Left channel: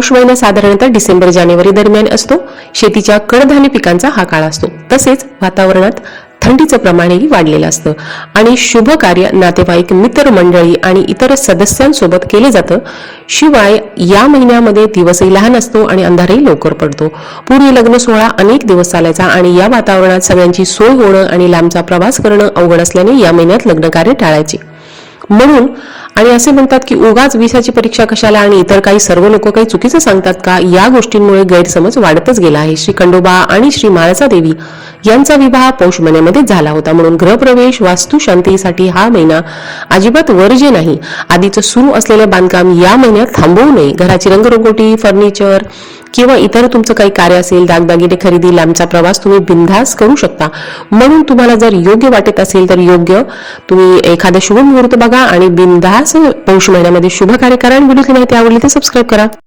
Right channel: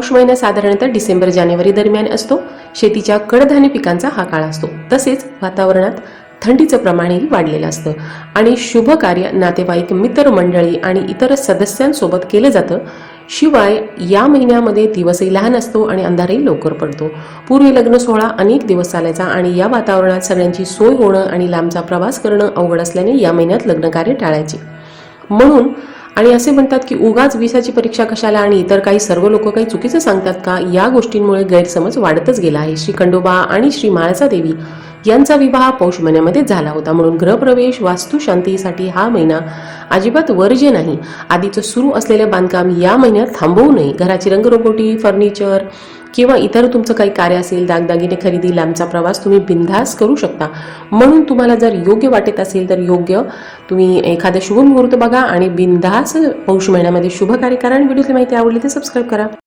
पौष महिना साधारणतः डिसेंबर जानेवारी दरम्यान असतो. शेतीच्या कडधान्य पिकांचा हा काळ असतो. तसेच वातावरणात थंडीचं प्रमाणही वाढलेलं असतं. आणि शुभ कार्य नातेवाईक मित्रमंडळी आणि इतर सदस्यांसोबत केले जातं. शिवाय या महिन्यामध्ये दिवसही लहान असतो आणि अंधारही लवकर पडतो. पूर्वी लग्न सोहळा अनेक दिवस चालायचा आणि या वातावरणात सगळ्यांची सोय होणं आणि लांबचा प्रवास करणं अवघड असल्याने या महिन्यात लग्न कार्य टाळायचे. म्हणून आणि असे म्हणतात की उगाच विसाची परीक्षा कशाला आणि इतर काही सर्व लोक काही चुकीचं सांगतात का? या गोष्टींमुळे गैरसमज वाढतच गेला आहे. श्री खंडोबा आणि श्री माळसा देवी यांचा विवाह पौष महिन्यामध्ये झाला होता. म्हणून ग्रहप्रवेश वास्तू शांतीसाठी हा महिना अजिबात वर्ज्य नाही. आधीचं सुरू असलेले बांधकाम या महिन्यात थांबवू नये. घराची रंगरंगोटी फर्निचर किंवा इतर तुमचं काही कार्य असेल दागदागिने खरेदी लांबचा प्रवास तुम्ही बिनधास्त करू शकता. म्हणून तुम्हाला जर योग्य वाटत असेल तर योग्य. तुम्ही एखादं शुभ मुहूर्त बघा आणि बिनधास्त पौष महिन्यामध्ये शुभ कार्य करा आणि व्हिडिओची माहिती आवडली तर सबस्क्राईब करा.